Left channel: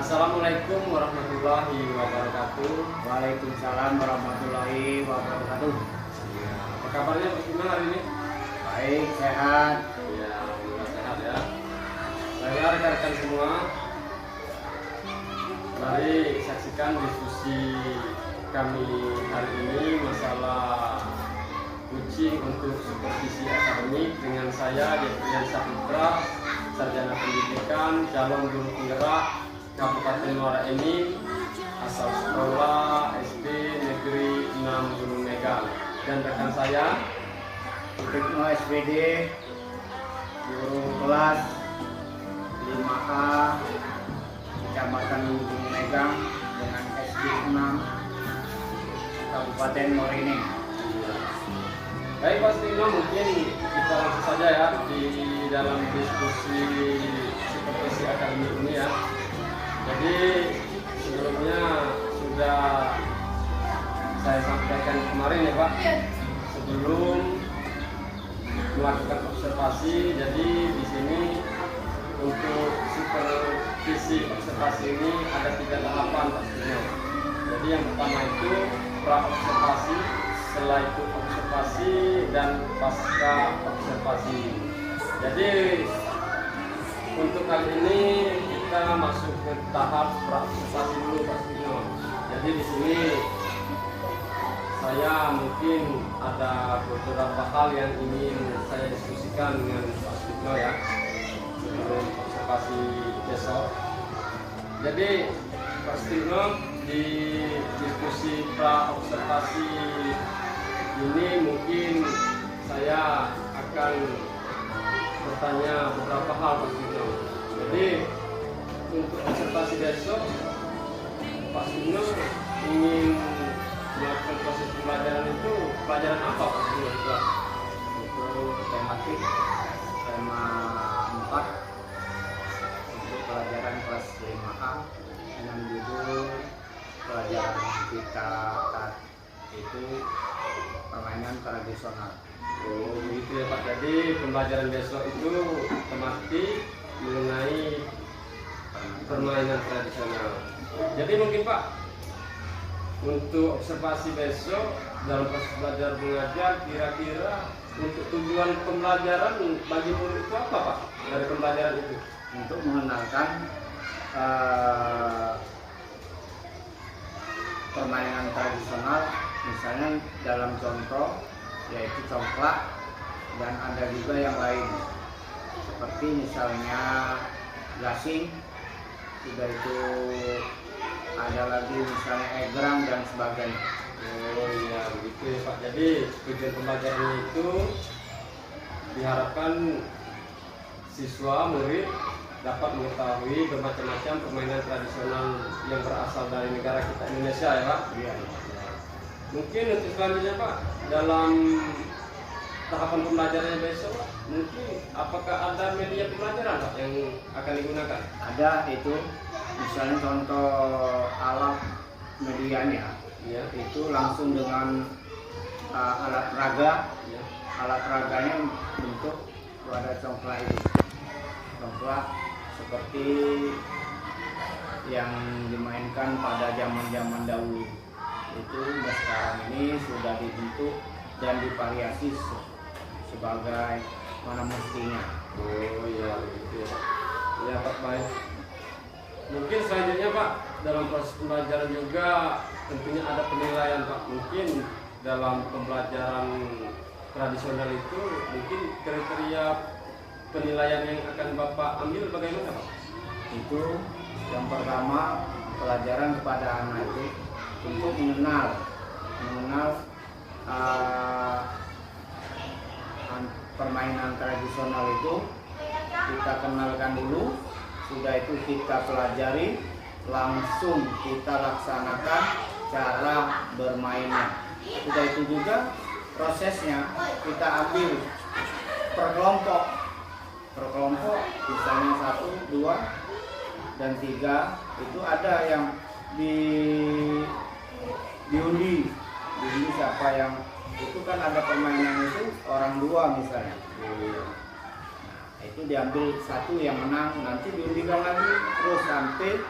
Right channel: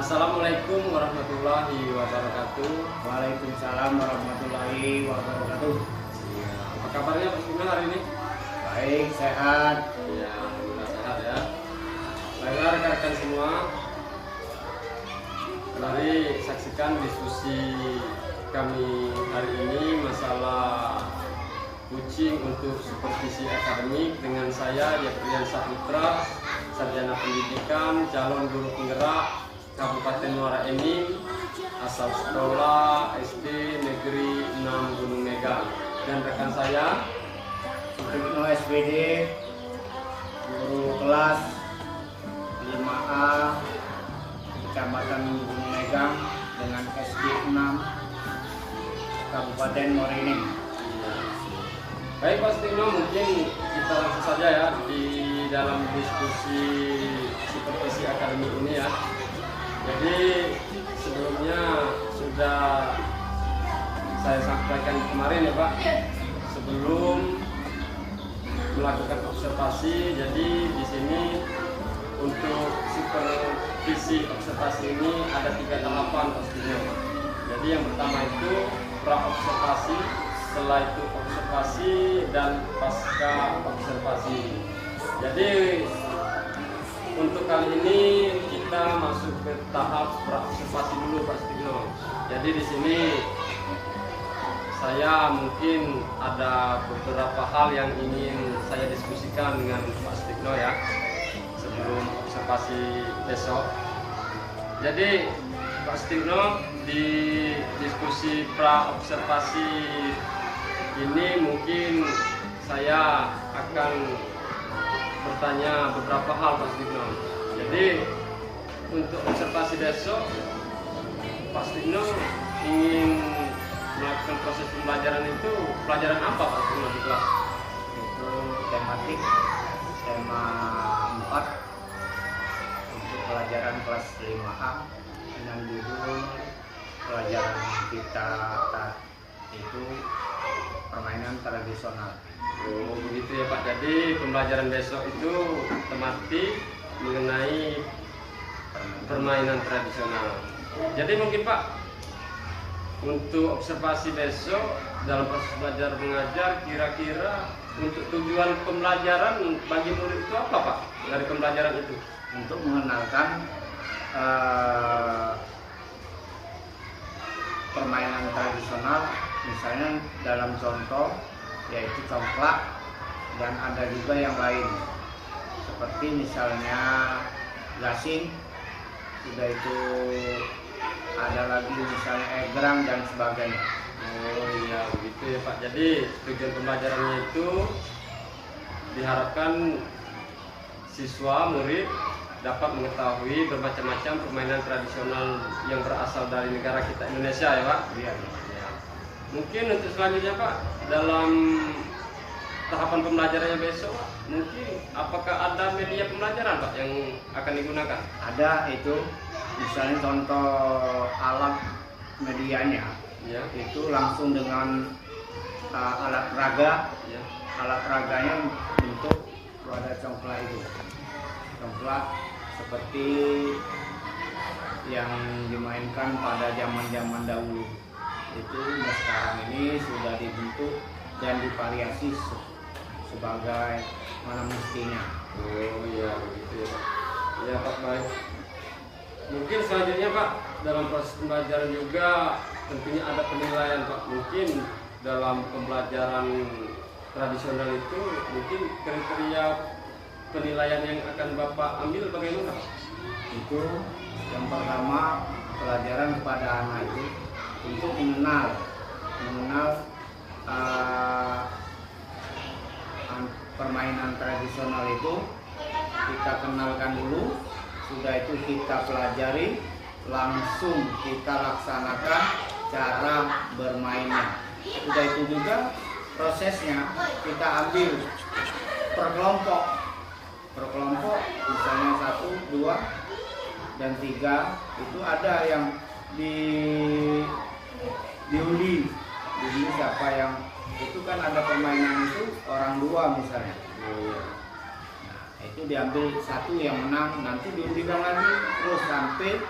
Assalamualaikum warahmatullahi wabarakatuh. Waalaikumsalam warahmatullahi wabarakatuh. Ya, apa kabarnya Pak Sugeng hari ini? Baik, sehat. Ya, alhamdulillah sehat ya. Baiklah rekan-rekan semua, mari saksikan diskusi kami hari ini masalah coaching untuk supervisi akademik dengan saya Geprian Saputra, sarjana pendidikan, calon guru penggerak Kabupaten Muara Enim, asal sekolah SD Negeri 6 Gunung Megang, dan rekan saya Suprikno SPD, guru kelas 5A Kecamatan Gunung Megang dengan SD 6 Kabupaten Muara Enim. ya. Baik Pak Sugeng, mungkin kita langsung saja ya di dalam diskusi supervisi akademik ini ya. Jadi sebelumnya sudah saya sampaikan kemarin ya Pak, sebelum melakukan observasi. Jadi di sini untuk supervisi observasi ini ada 3 tahapan Pak Sugeng. Jadi yang pertama itu pra observasi, setelah itu observasi, dan pasca observasi. Jadi untuk kali ini kita masuk ke tahap pra observasi dulu Pak Sugeng. Jadi di sini saya mungkin ada beberapa hal yang ingin saya diskusikan dengan Pak Sugeng ya sebelum observasi besok. Jadi Pak Sugeng, di diskusi pra observasi ini mungkin saya akan bertanya beberapa hal Pak Sugeng. Jadi untuk observasi besok Pak Sugeng ingin melakukan proses pembelajaran itu, pelajaran apa Pak Sugeng di kelas? Itu tematik tema 4 untuk pelajaran kelas 5A dengan judul pelajaran kita itu permainan tradisional. Oh begitu ya Pak. Jadi pembelajaran besok itu tematik mengenai permainan tradisional. Jadi mungkin Pak, untuk observasi besok dalam proses belajar mengajar, kira-kira untuk tujuan pembelajaran bagi murid itu apa Pak dari pembelajaran itu? Untuk mengenalkan permainan tradisional, misalnya dalam contoh yaitu congklak, dan ada juga yang lain seperti misalnya gasing, sudah itu ada lagi misalnya egrang dan sebagainya. Oh iya begitu ya Pak. Jadi tujuan pembelajarannya itu diharapkan siswa murid dapat mengetahui bermacam-macam permainan tradisional yang berasal dari negara kita Indonesia ya Pak. Iya. Ya. Mungkin untuk selanjutnya Pak, dalam tahapan pembelajarannya besok Pak, mungkin apakah ada media pembelajaran Pak yang akan digunakan? Ada itu, misalnya contoh alat medianya Ya. itu langsung dengan alat raga. Ya. Alat raganya bentuk wadah congklak itu, congklak seperti yang dimainkan pada zaman-zaman dahulu. Itu sekarang ini sudah dibentuk dan divariasi sebagai mana mestinya. Oh iya begitu ya Pak. Ya Pak, baik. Mungkin selanjutnya Pak, dalam proses pembelajaran juga tentunya ada penilaian Pak. Mungkin dalam pembelajaran tradisional itu mungkin kriteria penilaian yang akan Bapak ambil bagaimana Pak? Itu yang pertama, pelajaran kepada anak itu untuk mengenal permainan tradisional itu. Kita kenalkan dulu, sudah itu kita pelajari, langsung kita laksanakan cara bermainnya. Sudah itu juga prosesnya kita ambil per kelompok, misalnya 1, 2, dan 3. Itu ada yang diundi siapa yang itu kan ada permainan itu orang 2 misalnya. Nah, itu diambil 1 yang menang, nanti diundikan lagi terus sampai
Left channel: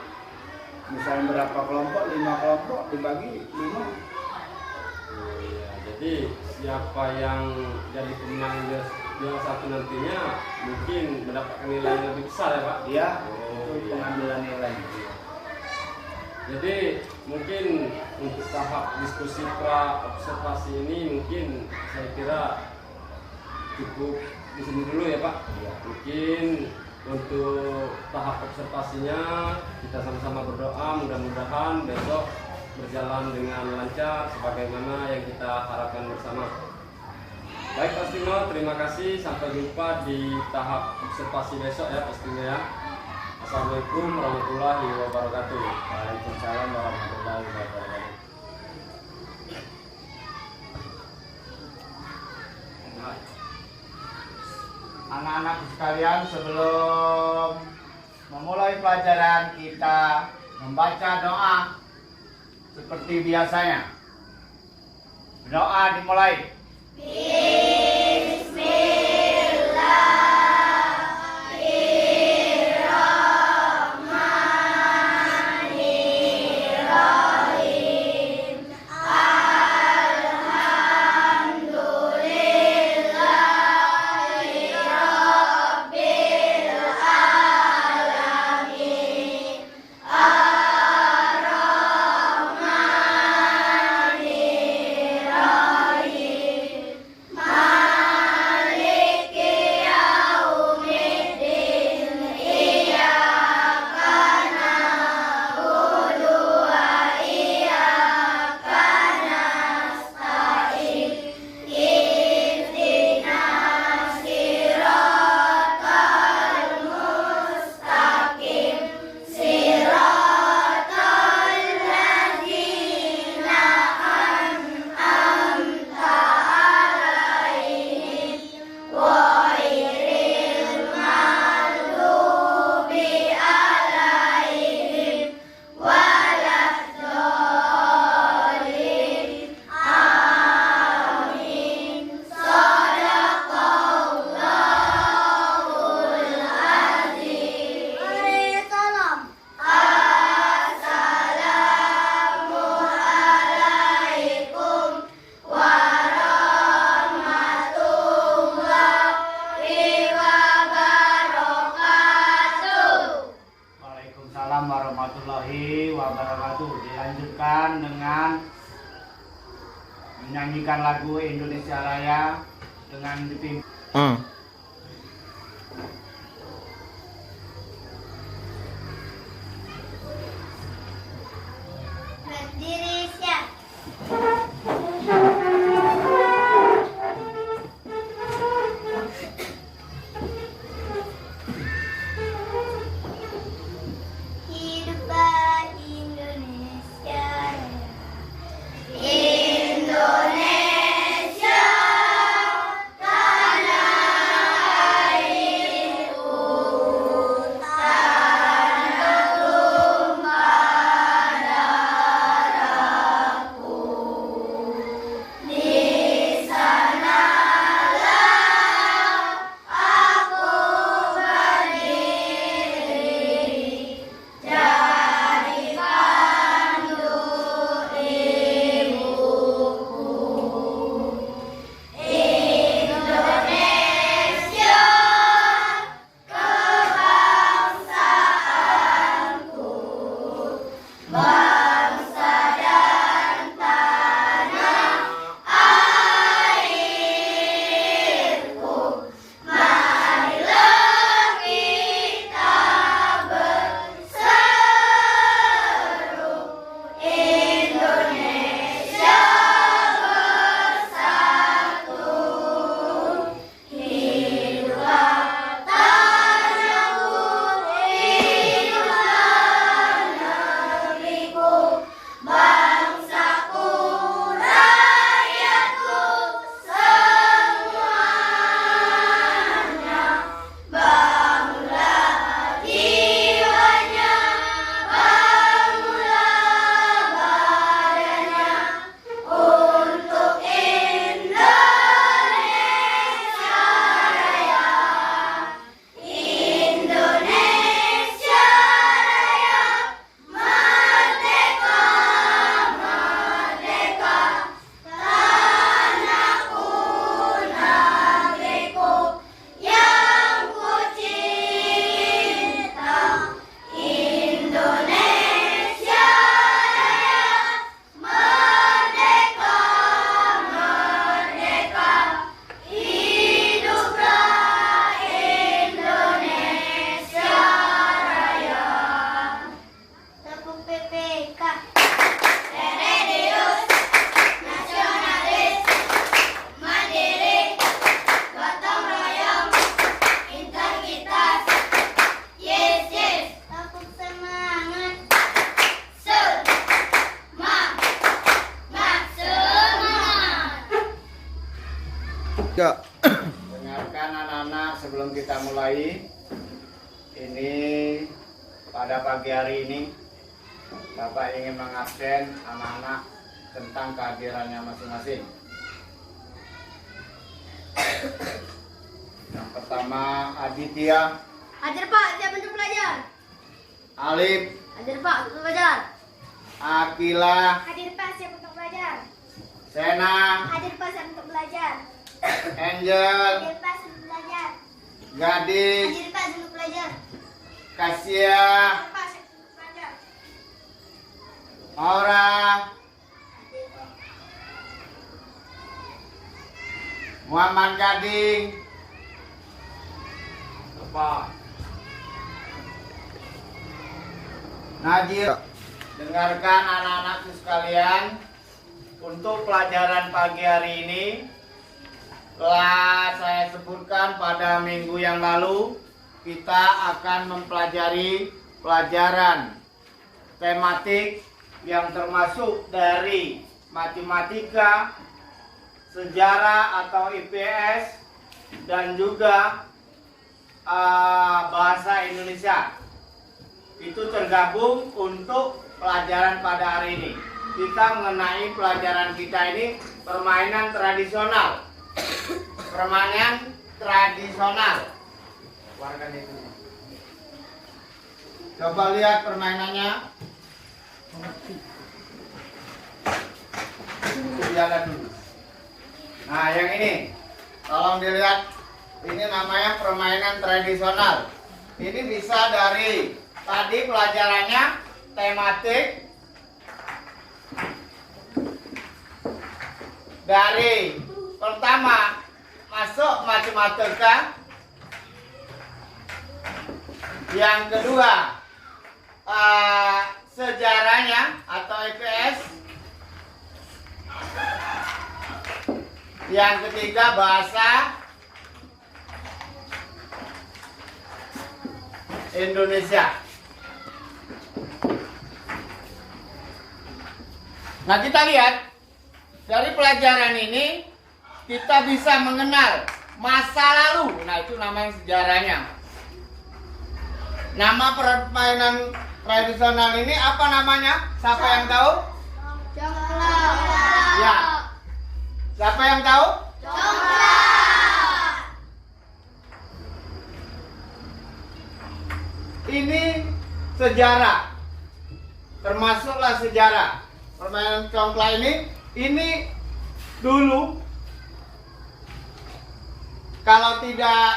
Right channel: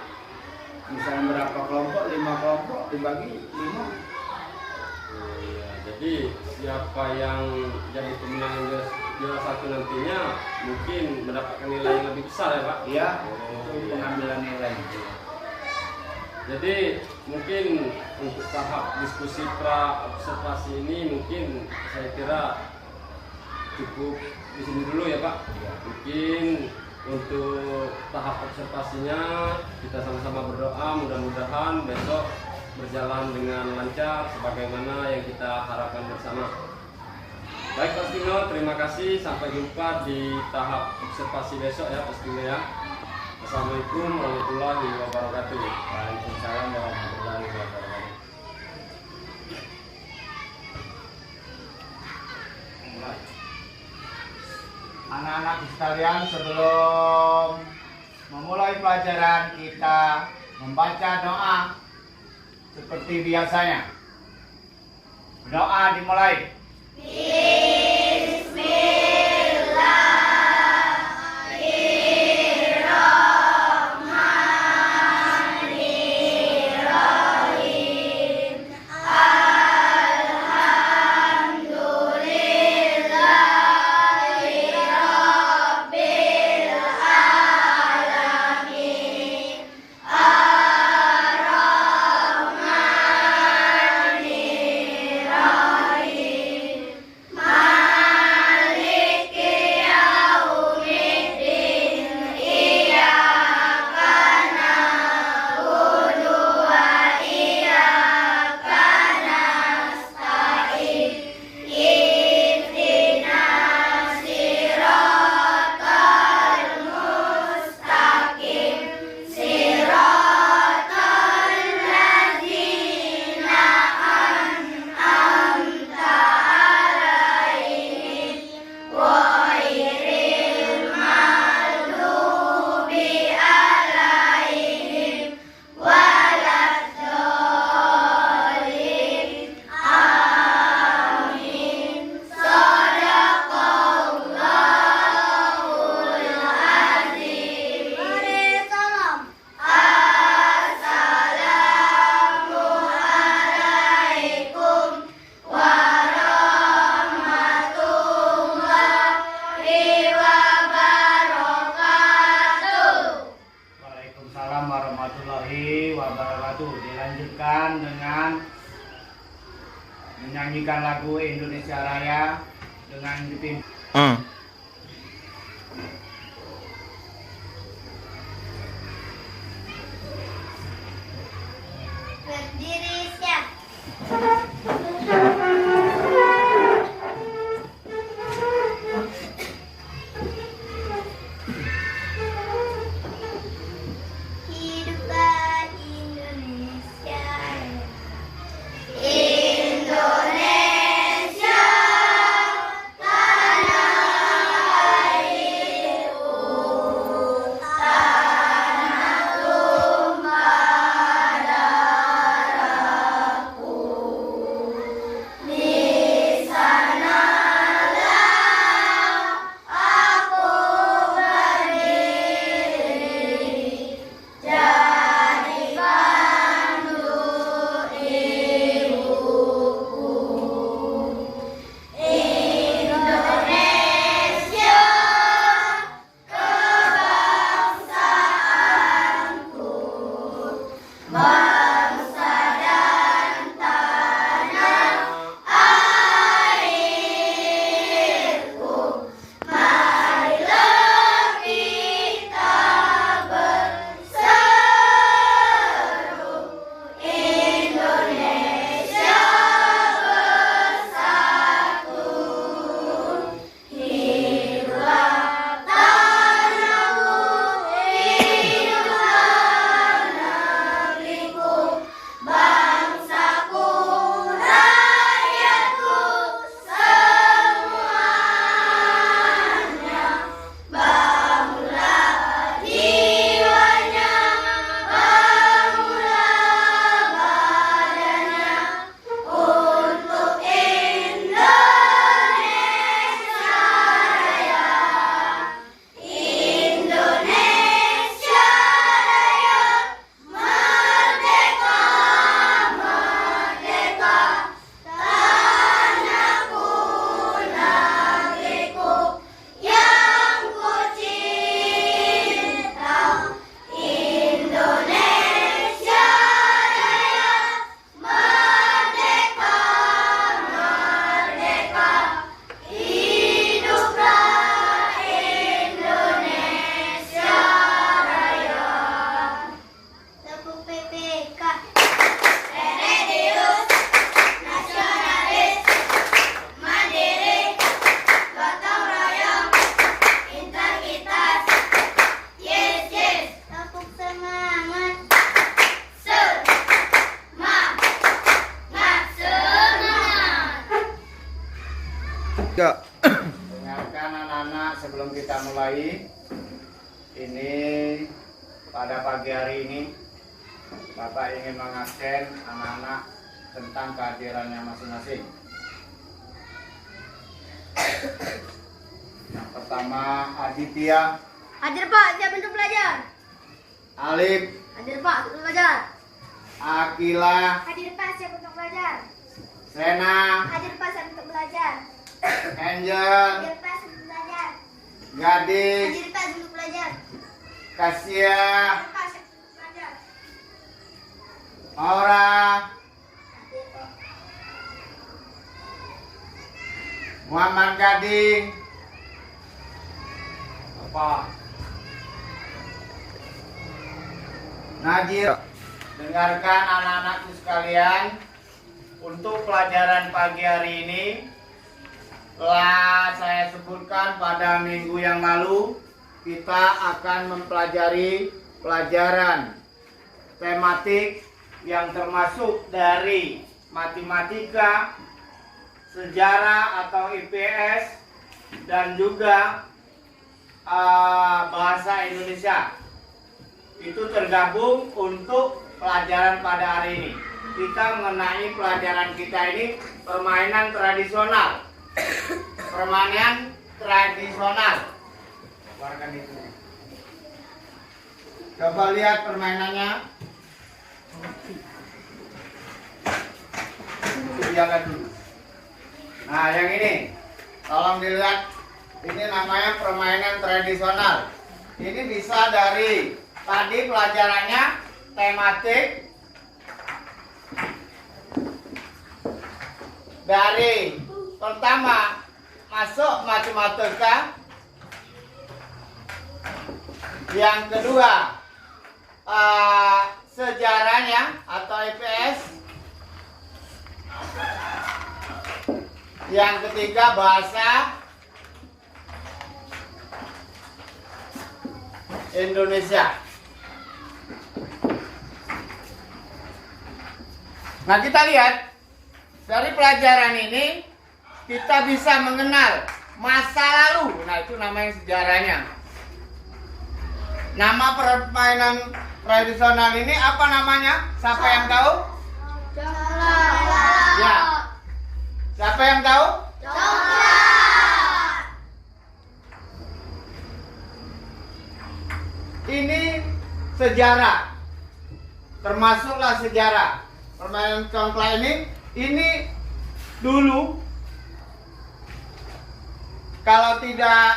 Misalnya berapa kelompok, 5 kelompok dibagi 5. Oh iya, jadi siapa yang jadi pemenang juara 1 nantinya mungkin mendapatkan nilai yang lebih besar ya Pak? Iya, Oh, itu iya. pengambilan nilai. Jadi mungkin untuk tahap diskusi pra observasi ini mungkin saya kira cukup di sini dulu ya Pak. Iya. Mungkin untuk tahap observasinya kita sama-sama berdoa mudah-mudahan besok berjalan dengan lancar sebagaimana yang kita harapkan bersama. Baik Pak Stino, terima kasih. Sampai jumpa di tahap observasi besok ya Pak Stino ya. Assalamualaikum warahmatullahi wabarakatuh. Waalaikumsalam warahmatullahi wabarakatuh. Anak-anak sekalian, sebelum memulai pelajaran kita membaca doa seperti biasanya. Doa dimulai. Waalaikumsalam warahmatullahi wabarakatuh. Dilanjutkan dengan menyanyikan lagu Indonesia Raya dengan dipimpin. Berdiri siap. Hiduplah Indonesia Raya. Indonesia tanah Ya. Dengarkan anak-anak sebelum kita mulai. Ini pada pagi hari ini Bapak ingin mengabsen anak-anak tentang kehadirannya masing-masing. Yang pertama Aditya. Hadir Pak, siap untuk belajar. Alif. Hadir Pak, untuk belajar. Akila. Hadir Pak, siap untuk belajar. Sena. Hadir Pak, siap untuk belajar. Angel. Hadir Pak, siap untuk belajar. Gadis. Hadir Pak, siap untuk belajar. Kasia. Hadir Pak, siap untuk belajar. Aura. Muhammad Gading. Pak. Najib. Dengarkan anak-anakku sekalian. Untuk pelajaran pagi hari ini telah saya sebutkan pada minggu yang lalu, kita akan mempelajari pelajaran tematik yang termasuk dari matematika, sejarah atau IPS, dan juga bahasa Indonesia. Itu tergabung untuk pelajaran pada hari ini. Kita mengenai pelajaran kita ini permainan tradisional. Permainan tradisional. Keluarkan itu. Coba lihat permainannya. Lihat dulu. Nah, yang ini. Tolong dilihat. Ini namanya permainan tradisional. Ini bisa dari tadi pelajarannya tematik, dari pertama masuk matematika, yang kedua sejarahnya atau IPS, yang ketiga bahasa Indonesia. Nah, kita lihat dari pelajaran ini kita bisa mengenal masa lalu. Nah, itu namanya sejarahnya. Nama permainan tradisional ini apa namanya? Siapa yang tahu? Coklat. Ya. Siapa yang tahu? Coklat. Ini sejarah. Termasuklah sejarah. Permainan congklak ini dulu kalau tidak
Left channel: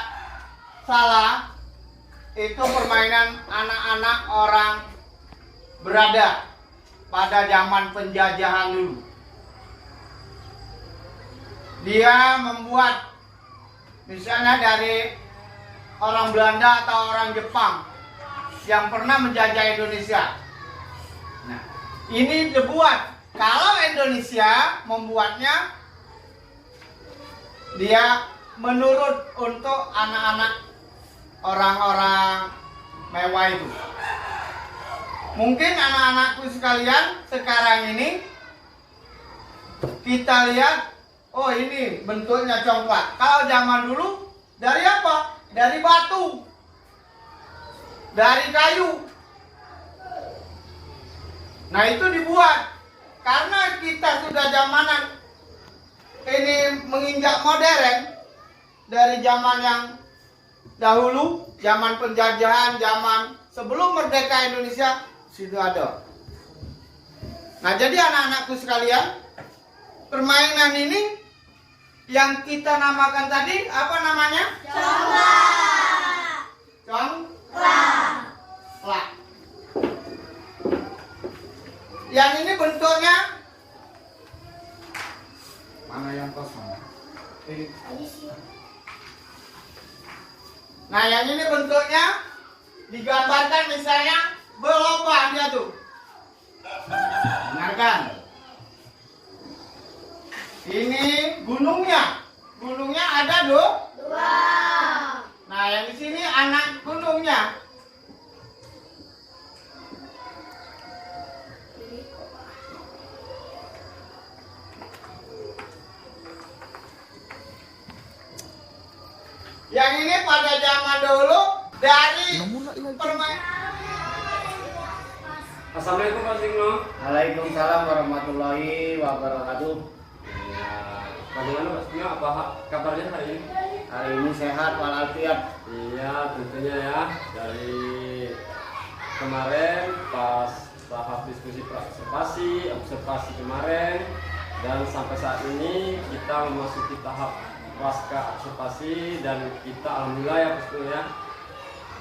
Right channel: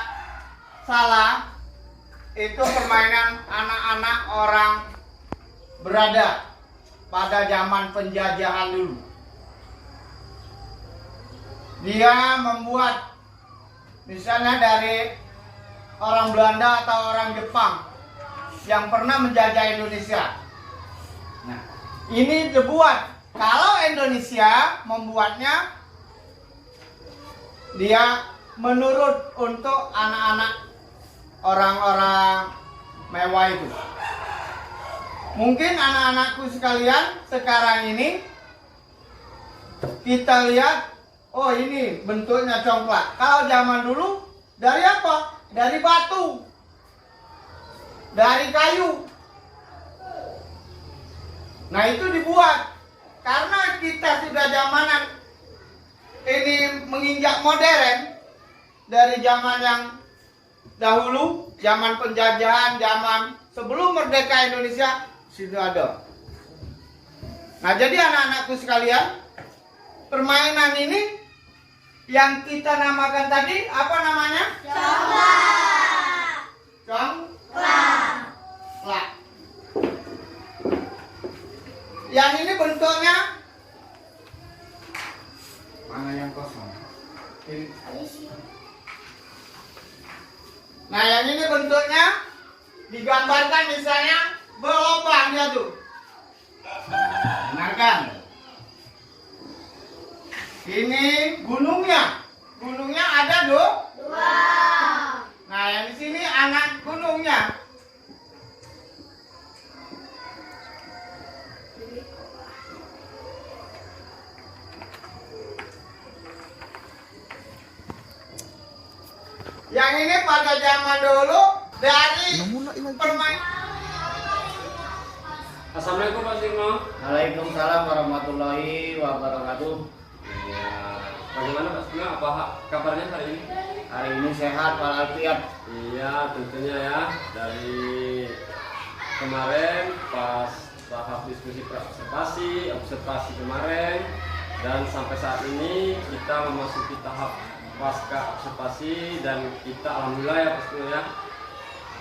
salah itu permainan anak-anak orang berada pada zaman penjajahan dulu. Dia membuat misalnya dari orang Belanda atau orang Jepang yang pernah menjajah Indonesia. Nah, ini dibuat. Kalau Indonesia membuatnya, dia menurut untuk anak-anak orang-orang mewah itu. Mungkin anak-anakku sekalian sekarang ini kita lihat, oh ini bentuknya congklak. Kalau zaman dulu dari apa? Dari batu, dari kayu. Nah, itu dibuat karena kita sudah zamanan ini menginjak modern dari zaman yang dahulu, zaman penjajahan, zaman sebelum merdeka Indonesia sudah ada. Nah, jadi anak-anakku sekalian, permainan ini yang kita namakan tadi apa namanya? Congklak. Yang ini bentuknya mana yang kosong? Ini. Nah, yang ini bentuknya digambarkan misalnya berlubang dia tuh. Dengarkan. Ini gunungnya. Gunungnya ada dua. Nah, yang di sini anak gunungnya. Yang ini pada zaman dulu dari permainan. Assalamualaikum Pak Signo. Waalaikumsalam warahmatullahi wabarakatuh. Ya, bagaimana Pak Signo? Apa kabarnya hari ini? Hari ini sehat walafiat. Iya, tentunya ya. Dari kemarin pas tahap diskusi observasi kemarin, dan sampai saat ini kita memasuki tahap pasca observasi, dan kita alhamdulillah ya Pak Signo ya,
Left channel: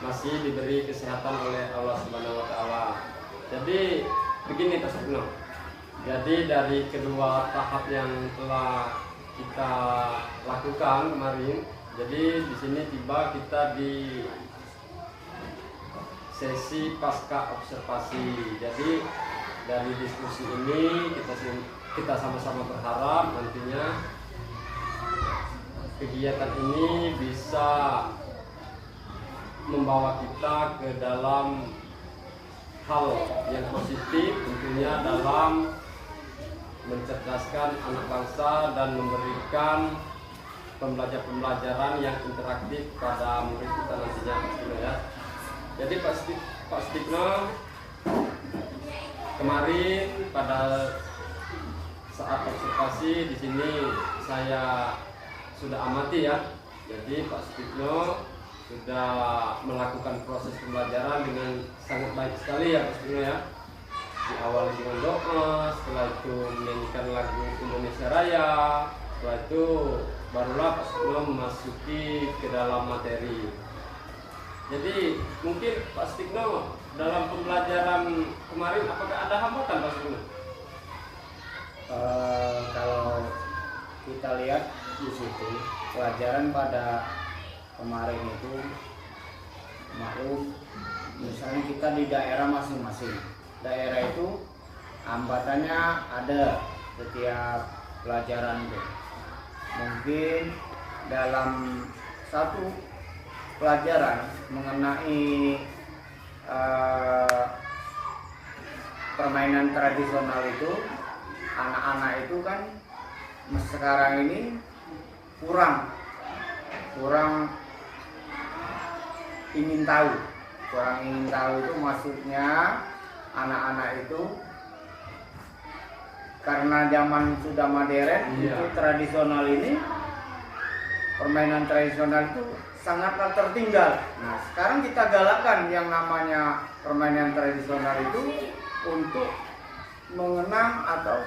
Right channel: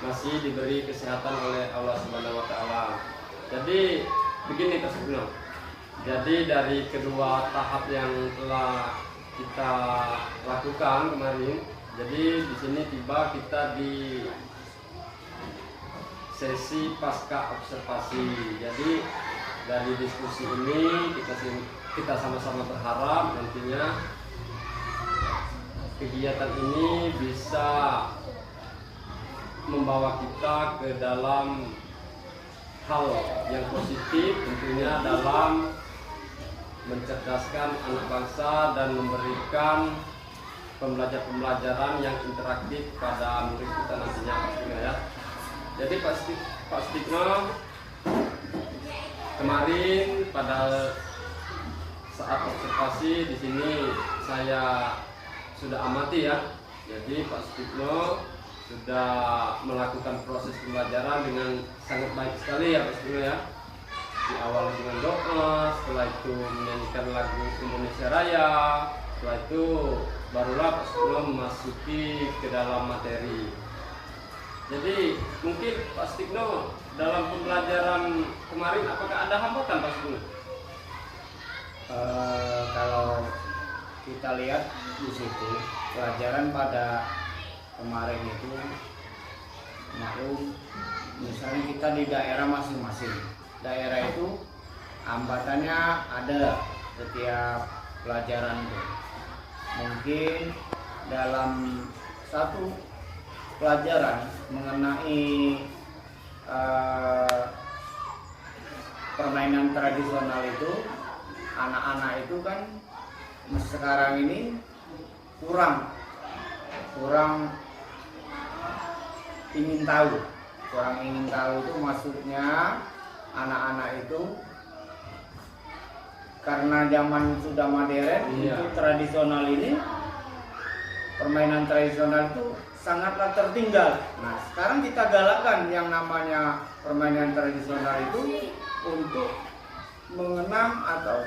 masih diberi kesehatan oleh Allah Subhanahu wa taala. Jadi begini Pak Signo. Jadi dari kedua tahap yang telah kita lakukan kemarin, jadi di sini tiba kita di sesi pasca observasi. Jadi dari diskusi ini kita sama-sama berharap nantinya kegiatan ini bisa membawa kita ke dalam hal yang positif, tentunya dalam mencerdaskan anak bangsa dan memberikan pembelajaran yang interaktif pada murid kita nantinya Pak Signo ya. Jadi Pak Signo kemarin pada saat observasi di sini saya sudah amati ya. Jadi Pak Signo sudah melakukan proses pembelajaran dengan sangat baik sekali ya Pak Signo ya. Diawali dengan doa, setelah itu menyanyikan lagu Indonesia Raya, setelah itu barulah Pak Signo memasuki ke dalam materi. Jadi mungkin Pak Signo dalam pembelajaran kemarin apakah ada hambatan Pak Signo? Kalau kita lihat di situ pelajaran pada kemarin itu maklum, misalnya kita di daerah masing-masing, daerah itu hambatannya ada setiap pelajaran itu. Mungkin dalam satu pelajaran mengenai permainan tradisional itu, anak-anak itu kan sekarang ini kurang ingin tahu itu maksudnya anak-anak itu karena zaman sudah modern. Iya. Itu tradisional ini, permainan tradisional itu sangatlah tertinggal. Nah, sekarang kita galakkan yang namanya permainan tradisional itu untuk mengenang atau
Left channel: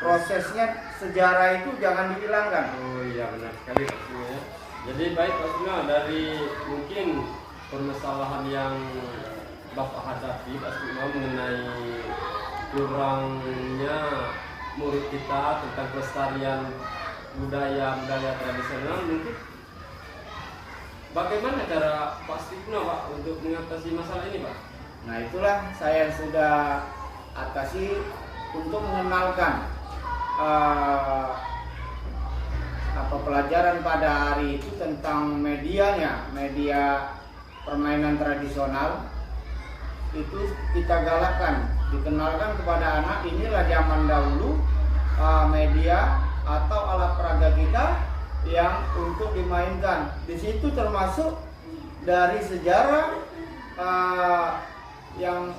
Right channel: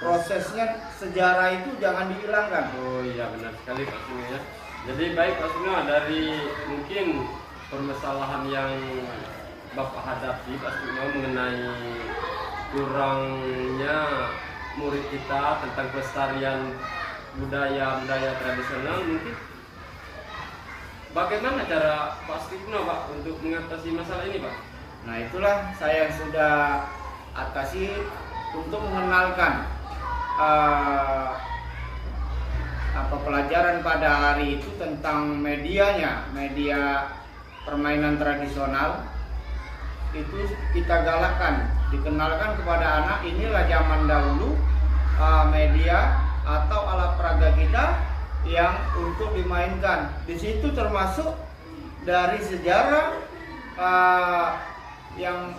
prosesnya, sejarah itu jangan dihilangkan. Oh iya, benar sekali Pak Signo ya. Jadi baik Pak Signo, dari mungkin permasalahan yang Bapak hadapi Pak Signo mengenai kurangnya murid kita tentang pelestarian budaya tradisional, mungkin bagaimana cara Pak Signo Pak untuk mengatasi masalah ini Pak? Nah, itulah saya sudah atasi untuk mengenalkan pelajaran pada hari itu tentang media permainan tradisional itu kita galakkan, dikenalkan kepada anak. Inilah zaman dahulu media atau alat peraga kita yang untuk dimainkan. Di situ termasuk dari sejarah yang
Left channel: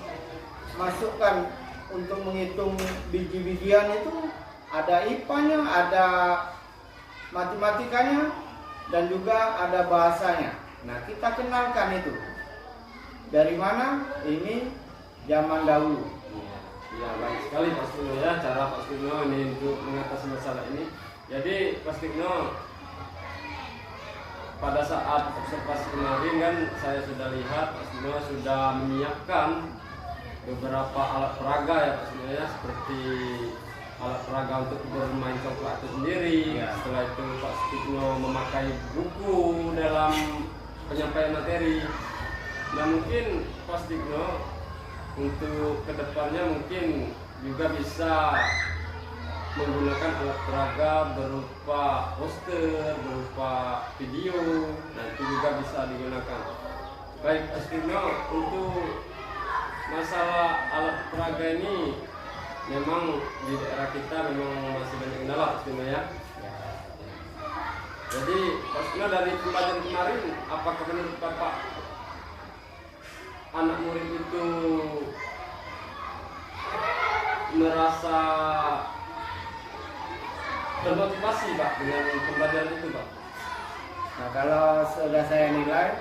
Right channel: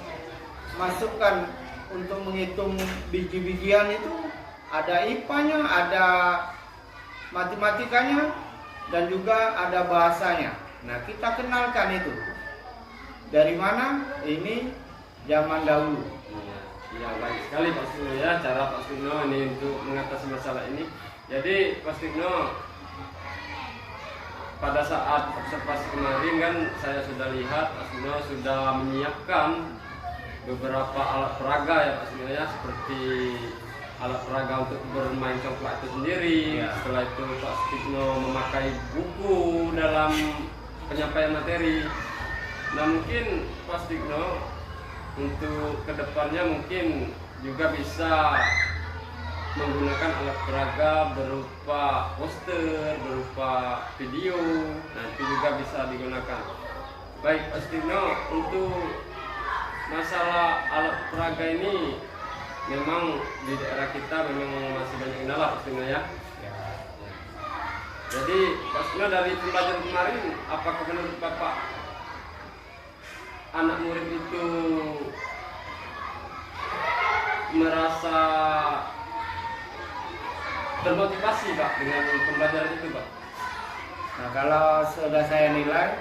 masukkan untuk menghitung biji-bijian itu, ada IPA-nya, ada matematikanya, dan juga ada bahasanya. Nah, kita kenalkan itu. Dari mana? Ini zaman dahulu. Ya, baik sekali Pak Signo ya, cara Pak Signo ini untuk mengatasi masalah ini. Jadi Pak Signo, pada saat observasi kemarin kan saya sudah lihat Pak Signo sudah menyiapkan beberapa alat peraga ya Pak Signo ya, seperti alat peraga untuk bermain congklak itu sendiri. Ya. Setelah itu Pak Signo memakai buku dalam penyampaian materi. Nah, mungkin Pak Signo untuk kedepannya mungkin juga bisa menggunakan alat peraga berupa poster, berupa video. Nah, itu juga bisa digunakan. Baik Pak Signo, untuk masalah alat peraga ini memang di daerah kita memang masih banyak kendala Pak Signo ya. Jadi Pak Sugeng, dari pembelajaran kemarin, apakah menurut Bapak anak murid itu merasa termotivasi Pak dengan pembelajaran itu Pak? Nah, kalau sudah saya nilai,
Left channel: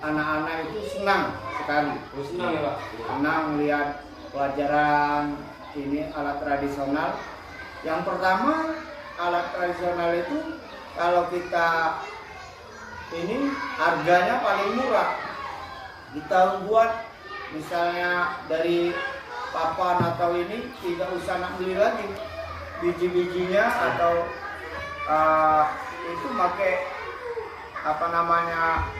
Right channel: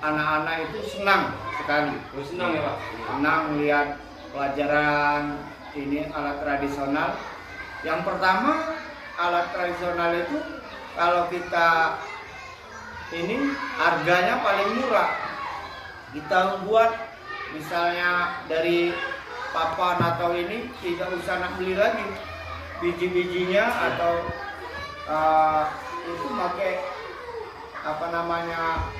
anak-anak itu senang sekali. Oh, senang ya Pak? Senang melihat pelajaran ini alat tradisional. Yang pertama, alat tradisional itu kalau kita ini harganya paling murah. Kita buat misalnya dari papan atau ini tidak usah nak beli lagi biji-bijinya atau itu pakai apa namanya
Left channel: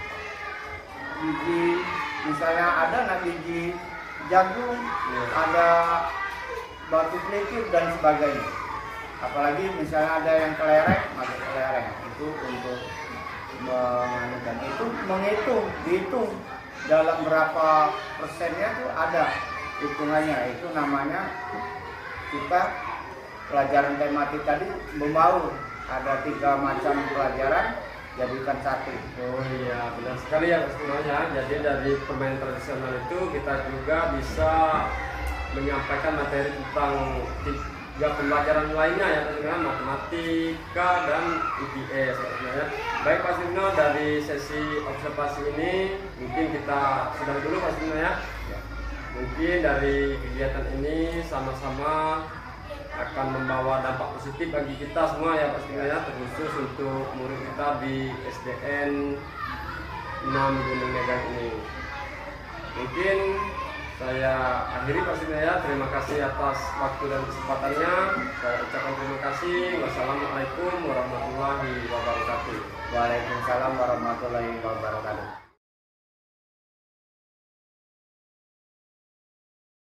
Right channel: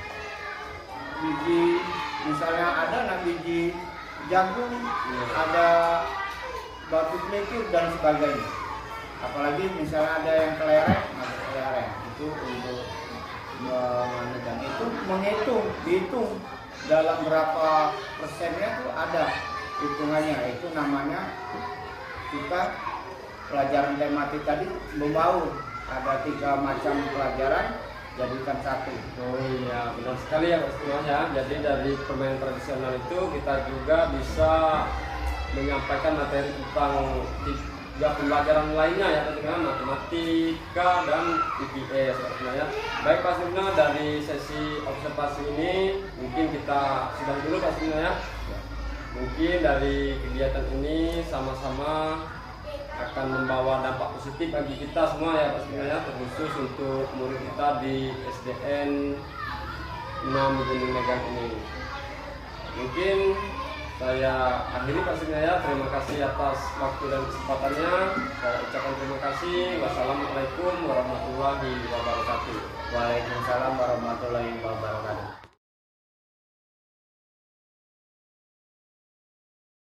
biji, misalnya ada nak biji jagung, ada batu pelikur dan sebagainya. Apalagi misalnya ada yang kelereng, pakai kelereng itu untuk menganukan itu, dihitung dalam berapa persennya tuh ada hitungannya. Itu namanya kita pelajaran tematik tadi membaur, ada 3 macam pelajaran jadikan satu. Oh iya, benar sekali ya Pak Sugeng ya. Jadi dari permainan tradisional itu kita juga bisa menyampaikan materi tentang 3 pembelajaran lainnya ya Pak Sugeng, matematika dan IPS ya. Baik Pak Sugeng, dari sesi observasi ini mungkin kita sudahi dulu Pak Sugeng ya. Mungkin dari kegiatan ini sama-sama akan membawa dampak positif bagi kita semua ya Pak Sugeng ya, terkhusus untuk murid kita di SDN 6 Gunung Megang ini. Mungkin saya akhiri Pak Sugeng ya, terima kasih atas waktu dan kesempatannya. Saya ucapkan terima kasih. Wassalamualaikum warahmatullahi wabarakatuh. Waalaikumsalam warahmatullahi wabarakatuh.